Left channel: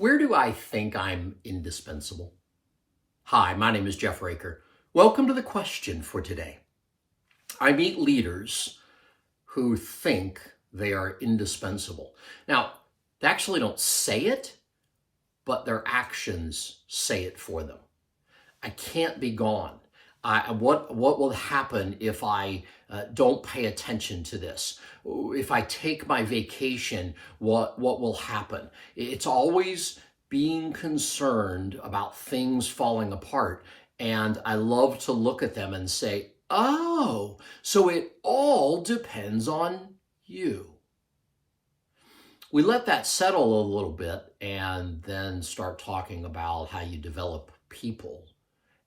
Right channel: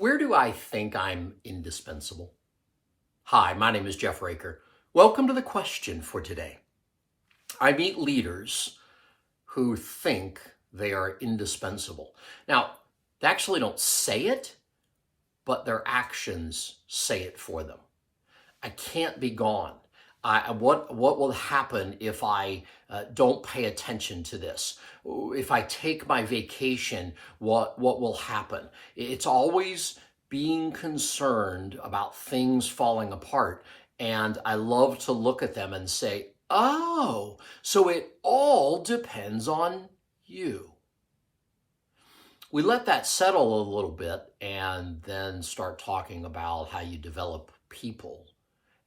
Where do I think I'm indispensable? Hi, my name is Jeff Raker. Welcome to the question for today. I meet leaders who think they are indispensable. Now, they actually don't say it, but their actions say it for them. I can't be gone. What will happen if I don't pay attention to this? If I take my vacation, what will happen? It's always being concerned about things falling apart. And I love to look at them and say, oh, so it all depends on you. We let that settle a little bit and then start talking about how you develop people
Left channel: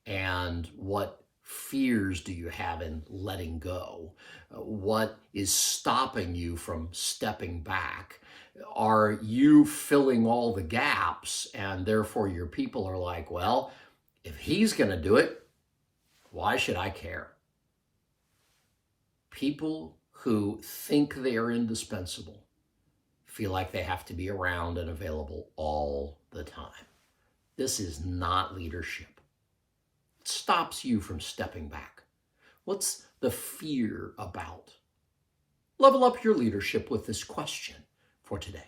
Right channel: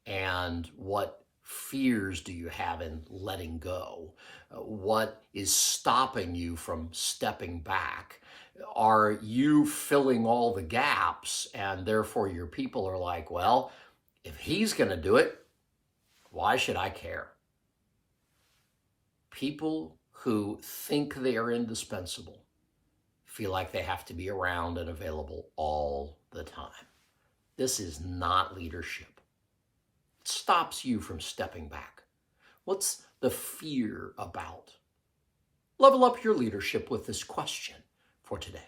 and what fears do you have in letting go? What is stopping you from stepping back? Are you filling all the gaps and therefore your people are like, well, if he's going to do it, why should I care? People who think they are indispensable feel like they have to be around and available all the time. This is not leadership. It stops you from stepping back. What's the fear about? Level up your leadership with this question for today.